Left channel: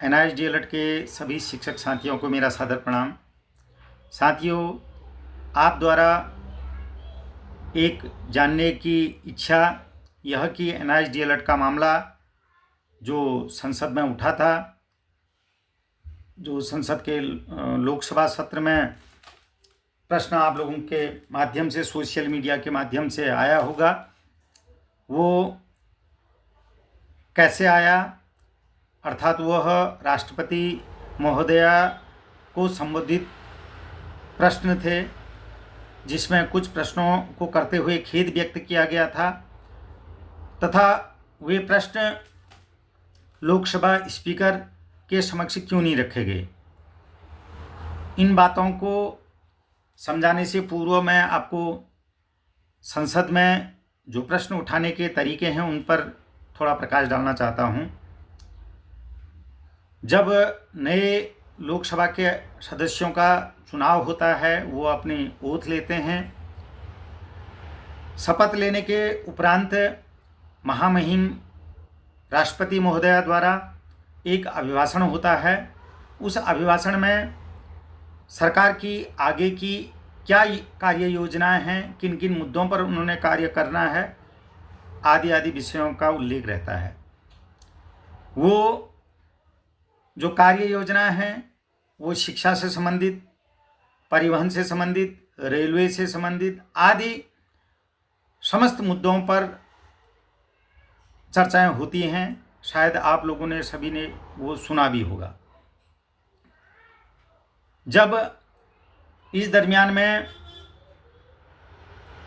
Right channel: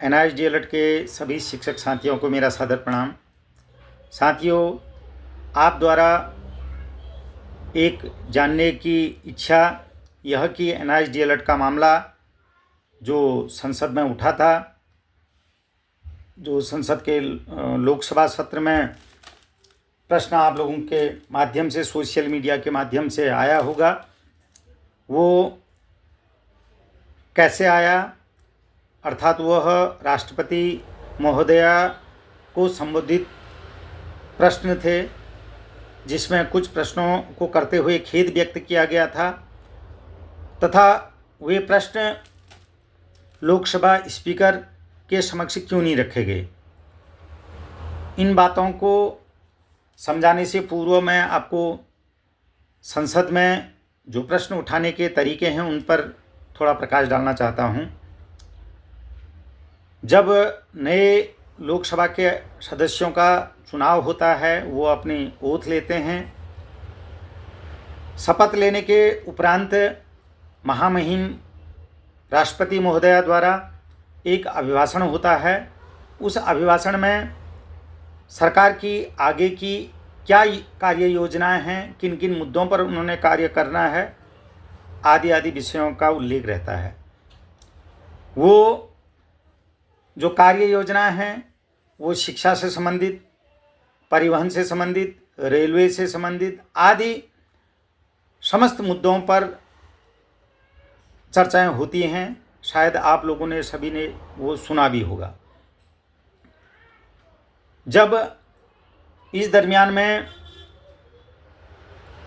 NIST DLED के सभी शिक्षक साथियों को मेरा सादर प्रणाम। साथियों, आप द्वारा एक जानने की इच्छा यह कि NIST DLED का मामला जो संसद में उठा था, जो संसद के लोकसभा सत्र में प्रश्न आप लोगों के माध्यम से, सोशल मीडिया के माध्यम से आया होगा, वो कैसे आया, अर्थात वह राष्ट्रपति महोदया को संबोधित प्रश्न थे, जिसमें कुछ प्रश्नों को करते हुए खेद व्यक्त किया गया था तथा वे प्रश्न लोकसभा स्पीकर के समक्ष क्यों नहीं रखे गए। इन बातों को समझाने से पूर्व मैं आपको संसद में जो प्रश्न उठाने के तरीके हैं उन पर थोड़ा प्रकाश डालना चाहता हूं। जब नए लोकसभा के सदस्यों का चुनाव होता है, वो अपनी ओथ लेते हैं। शपथ लेने के उपरांत महामहिम राष्ट्रपति महोदया द्वारा एक अभिभाषण होता है। उस अभिभाषण में सरकार की आगे की क्या कार्य योजनाएं हैं, किन किन मुद्दों पर उन्होंने कार्य करना है, आदि आदि विषयों का उल्लेख रहता है। वो जो कार्य योजनाएं हैं वो शिक्षा से संबंधित, परिवहन से संबंधित, रेलवे से संबंधित आदि समस्त मुद्दों पर चर्चाएं होती हैं। शायद आप लोगों ने, सभी ने वो सुना भी होगा। जब इस दरमियान में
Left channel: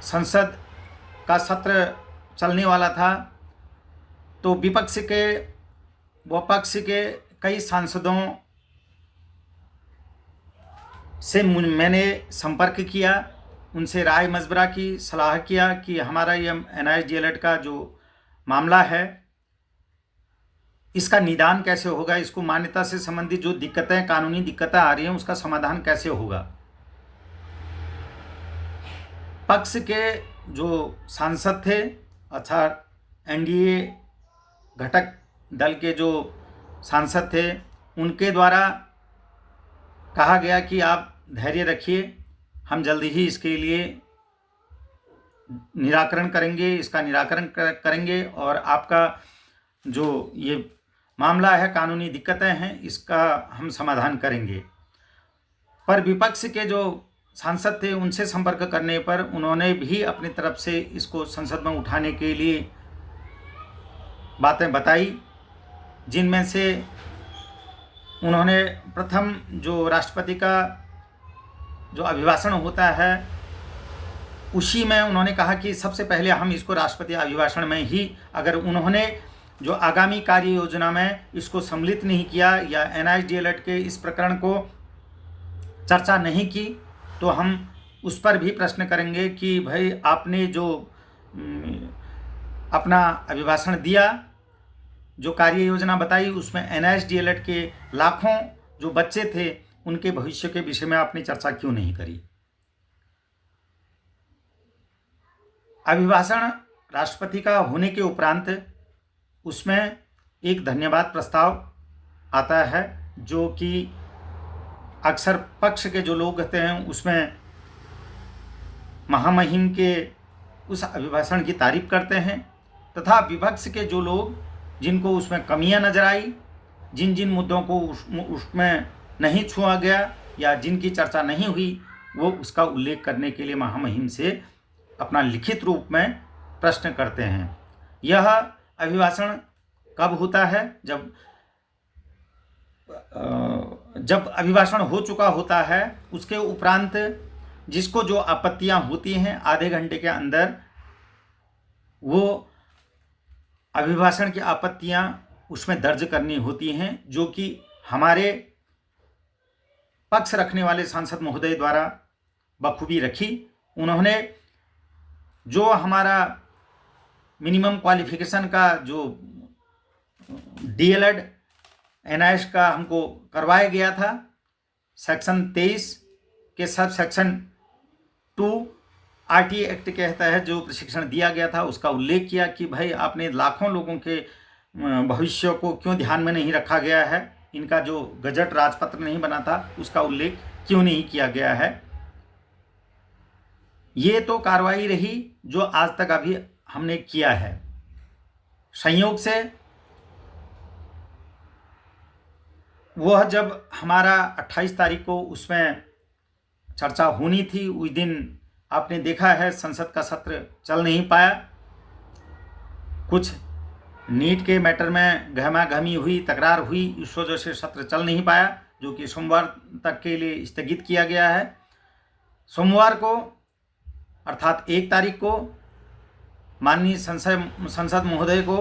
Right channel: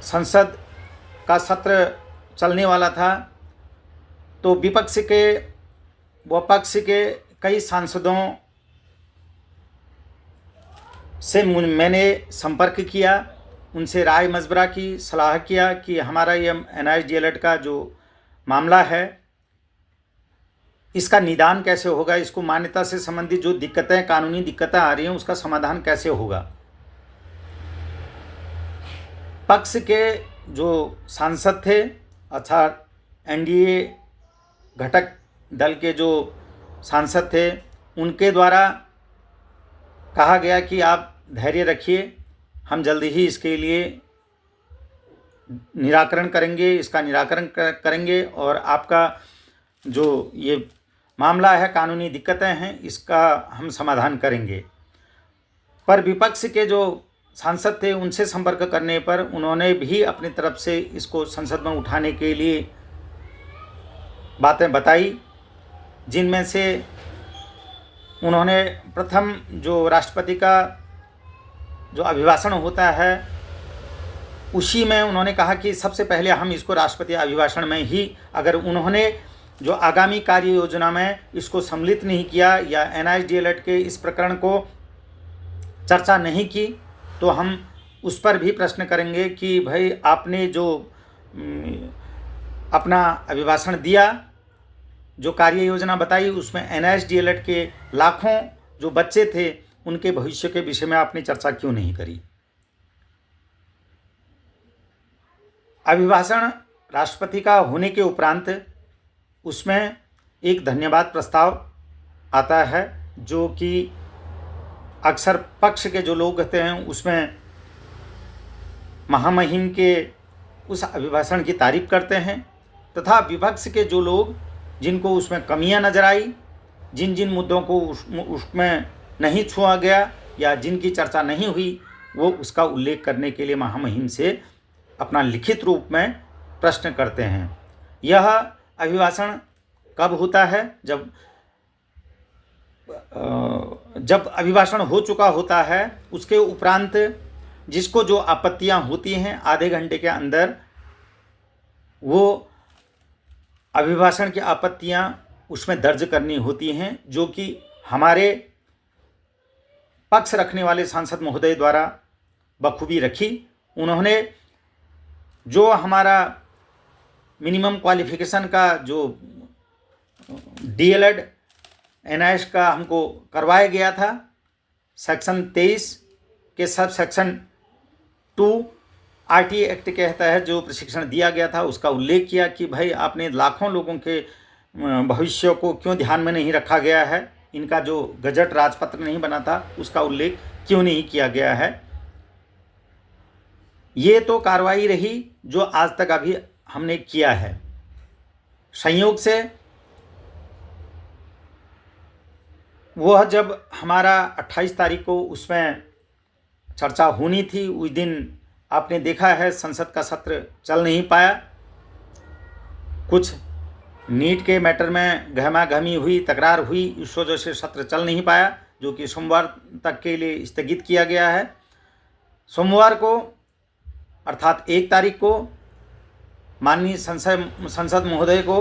संसद का सत्र चलने वाला था तो विपक्ष के व पक्ष के कई सांसदों से मैंने संपर्क किया, उनसे राय मशवरा की, सलाह किया कि हमारा ये NIST DLED का जो मामला है इसका निदान कैसे होगा, इसको मान्यता से संबंधित जो दिक्कतें, कानूनी दिक्कतें आ रही हैं, उसका समाधान कैसे होगा। पक्ष के जो सांसद थे अर्थात NDA घटक दल के जो सांसद थे, उनके द्वारा कहा गया कि आप धैर्य रखिए, हम जल्दी ही इसके लिए निराकरण करेंगे, इसका निराकरण करेंगे और आपका जो ये मामला है, कानूनी दिक्कतें हैं, इसका हम समाधान करेंगे। पर विपक्ष के जो सांसद थे उनसे संपर्क करने पर उन्होंने भी अपनी तरफ से इसको संसद में उठाने के लिए बातें बताई, जिनमें से उन्होंने प्रथम जो राष्ट्रपति का जो अभिभाषण होता है उसी में उन्होंने कहा कि सबसे पहले हम इसको राष्ट्रपति अभिभाषण में ही, अगर उन्होंने जो आगामी कार्य योजना में इसको सम्मिलित नहीं किया या NIST DLED के इस प्रकरण को चर्चा नहीं की, तो हम उस पर भी प्रश्न करेंगे कि भाई आपने जो अपना अभिभाषण दिया, जो कार्य योजना बताई, उसमें NIST DLED के लाखों जो बच्चे थे उनके भविष्य के विषय में आपने चर्चा क्यों नहीं करी। अभिभाषण राष्ट्रपति का होने के उपरांत उसमें एक धन्यवाद प्रस्ताव आता है, जो कि अक्सर पक्ष के जो लोग कहते हैं उसमें महामहिम के उस अभिभाषण की तारीफ करते हैं, तथा विपक्ष के जो लोग जिनको उसमें कमियां नजर आई, जिन जिन मुद्दों को उसमें नहीं छुआ गया या जिनकी चर्चा नहीं हुई, वो उसका उल्लेख करने के लिए महामहिम से अपना लिखित रूप में प्रश्न करते हैं। यह अभिभाषण कब होता है? जब अभिभाषण हो चुका होता है, उसके उपरांत जिसको जो आपत्तियां होती हैं आधे घंटे के अंदर वो अभिभाषण की आपत्तियां उसमें दर्ज करनी होती हैं, जो कि हमारे पक्ष रखने वाले सांसद महोदय द्वारा बखूबी रखी। उन्होंने जो हमारा मिनिमम क्वालिफिकेशन का जो DLED NIST का हमको करवाया गया था, सेक्शन 23 के सब सेक्शन 2 RT एक्ट के तहत जो प्रशिक्षण दिया गया था उसका उल्लेख किया कि भाई आपने लाखों लोगों के भविष्य को क्यों ध्यान में नहीं रखा गया है, इनका जो गजट राजपत्र नहीं बना था उसका उल्लेख क्यों नहीं किया गया है। ये तो कार्रवाई रही जो आज तक अभी हमने किया है। संयोग से वह जब हमारा 28 तारीख को उसमें चर्चा होनी थी, उस दिन आपने देखा है संसद का सत्र चल नहीं पाया। कुछ नीट के मैटर में गहमा-गहमी हुई, तकरार हुई, इस वजह से सत्र चल नहीं पाया, जो कि सोमवार तक के लिए स्थगित किया गया है। सोमवार को अर्थात 1 तारीख को माननीय संसद महोदय को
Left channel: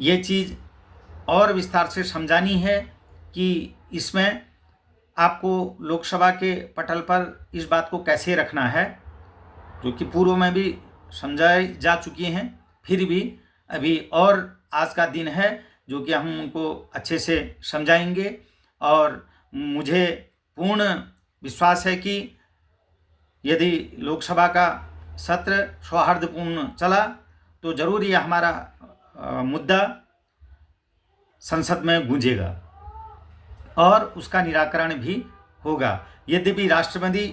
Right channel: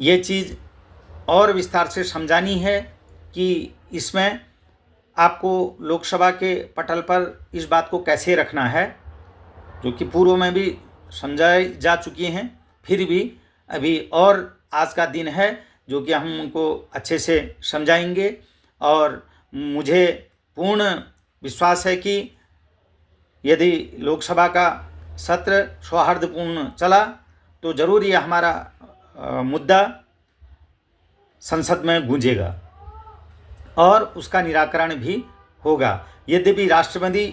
ये चीज़ और विस्तार से समझानी है कि इसमें आपको लोकसभा के पटल पर इस बात को कैसे रखना है, जो कि पूर्व में भी समझाई जा चुकी हैं। फिर भी अभी और आज का दिन है जो कि हम उनको अच्छे से समझाएंगे, और मुझे पूर्ण विश्वास है कि यदि लोकसभा का सत्र सौहार्दपूर्ण चला तो ज़रूर ये हमारा मुद्दा संसद में गूंजेगा और उसका निराकरण भी होगा। यद्यपि राष्ट्रपति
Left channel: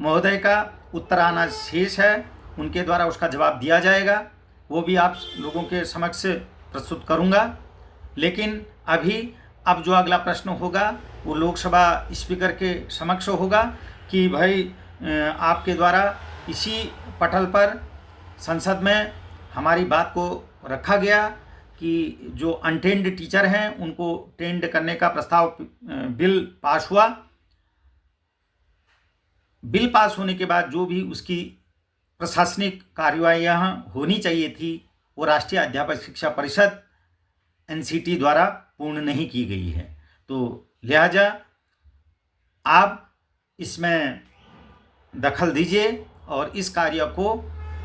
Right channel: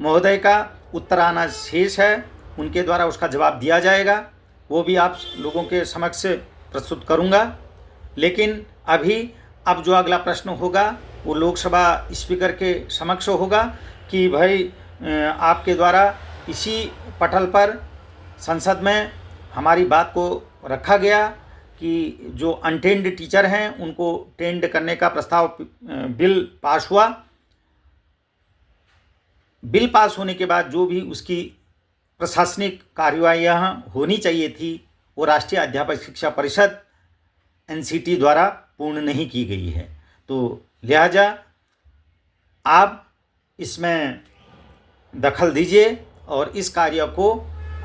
महोदय का उत्तर आना शेष है, उनके द्वारा उसका जवाब दिया जाएगा, वो भी आप लोगों के समक्ष प्रस्तुत करूंगा। लेकिन अभी अब जो अगला प्रश्न होगा वो लोकसभा स्पीकर के समक्ष होगा कि भाई आपके द्वारा इसी पटल पर संसद में हमारी बात को रखा गया कि जो अनटेंड टीचर हैं उनको टेंड करने का प्रस्ताव बिल पास हुआ। बिल पास होने के बाद जो भी उसकी प्रशासनिक कार्यवाहियाँ होनी चाहिए थी वो राष्ट्रीय अध्यापक शिक्षा परिषद NCT द्वारा पूर्ण नहीं की गई है। तो लिहाजा आप इसमें दखल दीजिए और इस कार्य को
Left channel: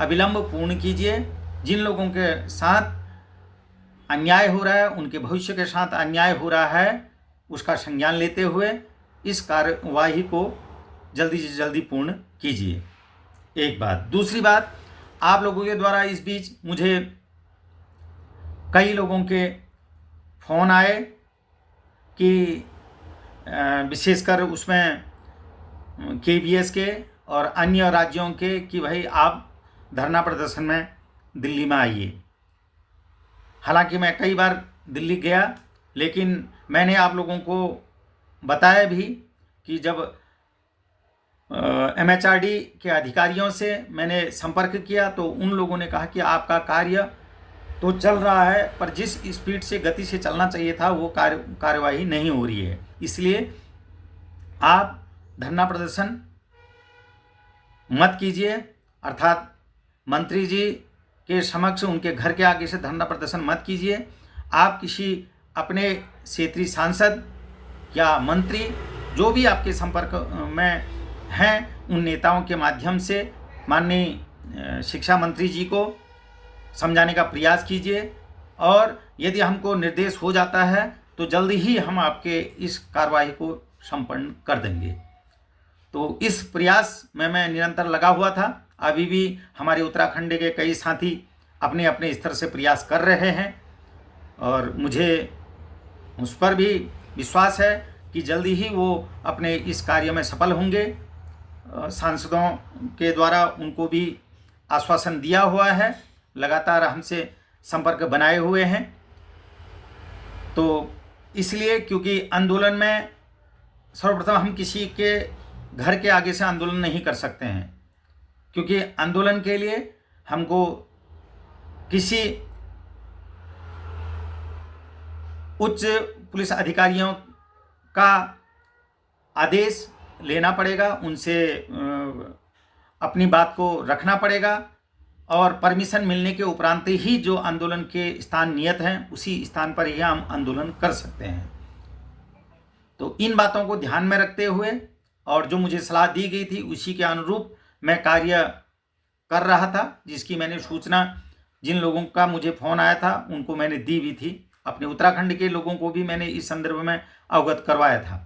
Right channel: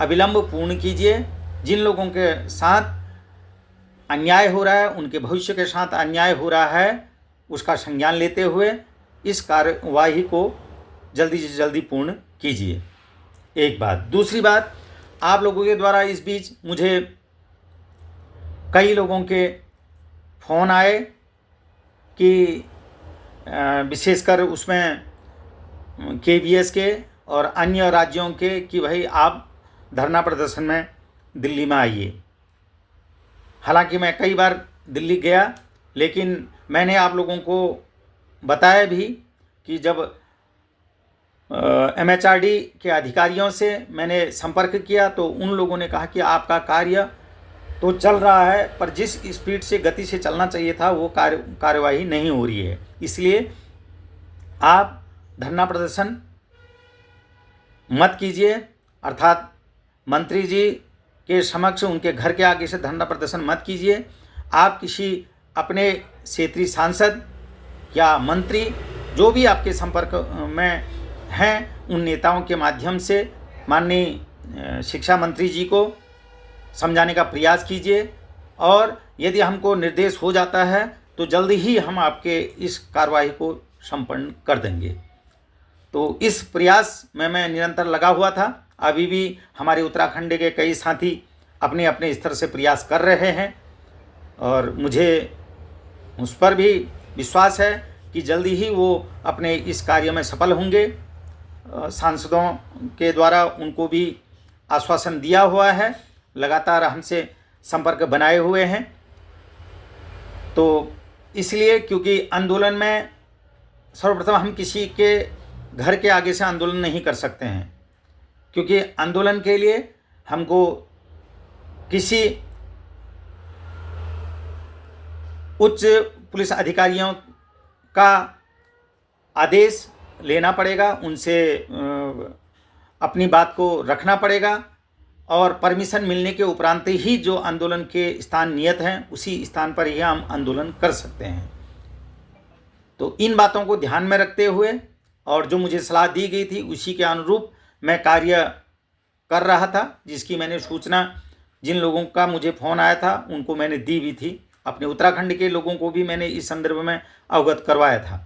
अविलंब पूर्ण कीजिए। जिन लोगों के साथ अन्याय हो रहा है, उनके भविष्य के साथ अन्याय हो रहा है, उसका संज्ञान लेते हुए इस कार्यवाही को जल्दी से जल्दी पूर्ण कीजिए। एक बात। दूसरी बात, आप लोगों के द्वारा इस बीच मुझे कई लोगों के फ़ोन आए कि विशेषकर उसमें KVS के और अन्य राज्यों के कि भाई आप धरना प्रदर्शन में दिल्ली में आइए। हालांकि मैं कई बार दिल्ली गया, लेकिन मैंने आप लोगों को बताया भी कि जब MHRD के अधिकारियों से मैंने संपर्क किया तो उन लोगों ने कहा कि आपका कार्य तो चल रहा है, पर जिस स्पीड से गति से चलना चाहिए था वो कार्यवाही नहीं हो रही है। इसलिए आप धरना प्रदर्शन मत कीजिए, अर्थात मंत्री जी के समक्ष उनके घर के आगे से धरना प्रदर्शन मत कीजिए। आप किसी अपने क्षेत्रीय सांसद या मंत्री जो भी आपके संपर्क में हैं उन नेताओं के माध्यम से माननीय शिक्षा मंत्री जी को समझाने का प्रयास कीजिए, और यदि हमको निर्देश हो जाता है तो जल्दी ही हम आपके इस कार्रवाई को संपन्न कर देंगे। तो इस प्रयास में मैं निरंतर लगा हुआ था। अभी भी हमारे उत्तराखंड के कई साथी अपने अपने स्तर से प्रयास कर रहे हैं और मुझे उस पर भी विश्वास है कि जल्दी ही वो अपने इस कार्य में सफल होंगे। सांसदों के द्वारा उनको भी आश्वासन दिया हुआ है, लगातार हमसे संपर्क बनाए हुए हैं। तो इसलिए क्योंकि आंदोलन में सर्वप्रथम हम किसी के घर के आगे से आंदोलन नहीं कर सकते हैं, क्योंकि आंदोलन के लिए हमको किसी उच्च पुलिस अधिकारियों का आदेश लेना पड़ेगा, उनसे अपनी बात को रखना पड़ेगा और परमिशन मिलने के उपरांत ही जो आंदोलन के स्थान नियत हैं उसी स्थान पर ही हम आंदोलन कर सकते हैं। तो इन बातों को ध्यान में रखते हुए और जो मुझे सलाह दी गई थी उसी के अनुरूप मैं कार्य कर रहा था, जिसकी मैंने सूचना जिन लोगों का मुझे फ़ोन आया था उनको मैंने दी भी थी। अपने उत्तराखंड के लोगों को भी मैंने इस संदर्भ में अवगत करवाया था।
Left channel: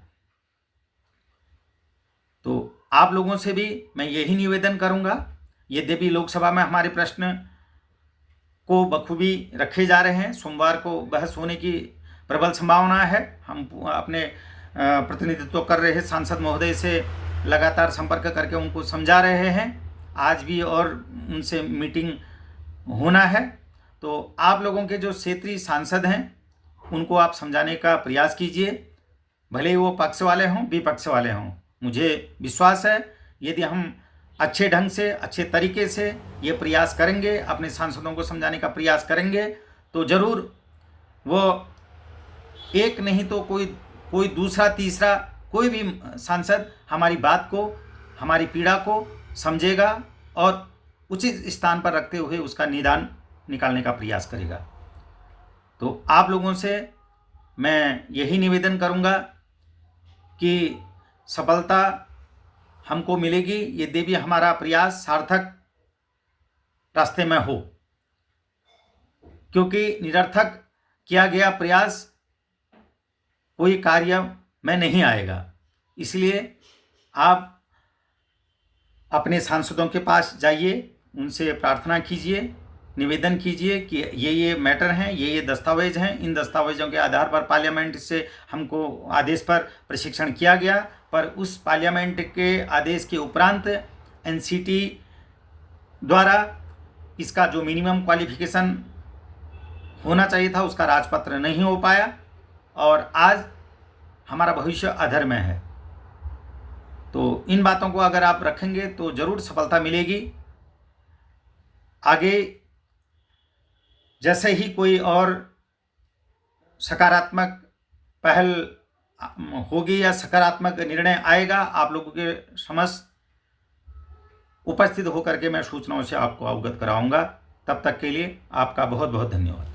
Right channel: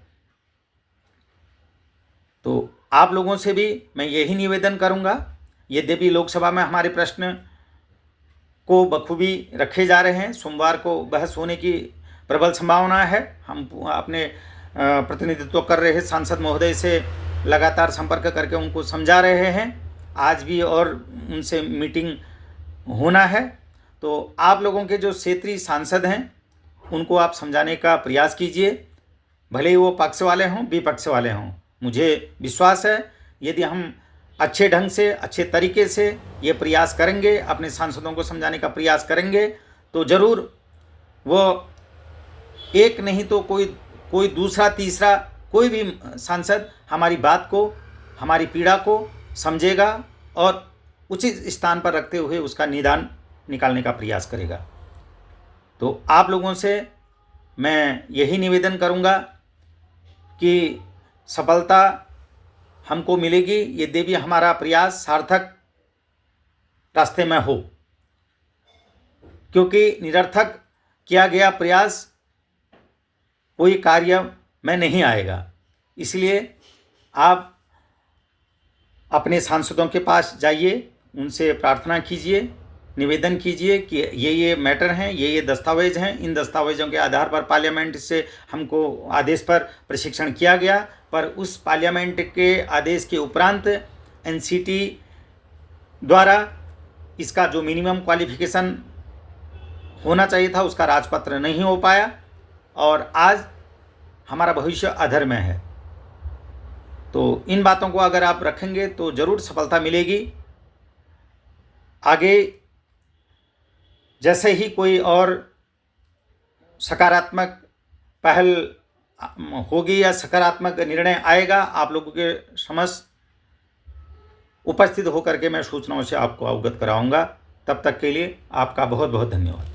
तो आप लोगों से भी मैं यही निवेदन करूंगा, यद्यपि लोकसभा में हमारे प्रश्न को बखूबी रखे जा रहे हैं, सोमवार को बहस होने की प्रबल संभावना है। हम अपने प्रतिनिधित्व कर रहे सांसद महोदय से लगातार संपर्क करके उनको समझा रहे हैं। आज भी और उनसे मीटिंग होना है। तो आप लोगों के जो क्षेत्रीय सांसद हैं उनको आप समझाने का प्रयास कीजिए, भले ही वो पक्ष वाले हों विपक्ष वाले हों। मुझे विश्वास है यदि हम अच्छे ढंग से अच्छे तरीके से ये प्रयास करेंगे, अपने सांसदों को समझाने का प्रयास करेंगे, तो ज़रूर वो एक नहीं तो कोई दूसरा तीसरा कोई भी सांसद हमारी बात को, हमारी पीड़ा को समझेगा और उचित स्थान पर रखते हुए उसका निदान निकालने का प्रयास करेगा। तो आप लोगों से मैं यही निवेदन करूंगा कि सफलता हमको मिलेगी यदि भी हमारा प्रयास सार्थक रास्ते में हो, क्योंकि निरर्थक किया गया प्रयास कोई कार्य में नहीं आएगा। इसलिए आप अपने सांसदों के पास जाइए, उनसे प्रार्थना कीजिए, निवेदन कीजिए कि ये मैटर हैं, ये दस्तावेज हैं। इन दस्तावेज़ों के आधार पर पार्लियामेंट से हमको आदेश पर प्रशिक्षण किया गया, पर उस पार्लियामेंट के आदेश के उपरांत एनसीटी द्वारा इसका जो मिनिमम क्वालिफिकेशन होना चाहिए था उसका राजपत्र नहीं हो पाया और आज हमारा भविष्य अधर में है। तो इन बातों को अगर आप रखेंगे तो ज़रूर सफलता मिलेगी। आगे जैसे ही कोई और सकारात्मक पहल होगी या सकारात्मक निर्णय आएगा, आप लोगों के समक्ष उपस्थित होकर के मैं सूचनाओं से आपको अवगत कराऊंगा। तब तक के लिए आपका बहुत बहुत धन्यवाद।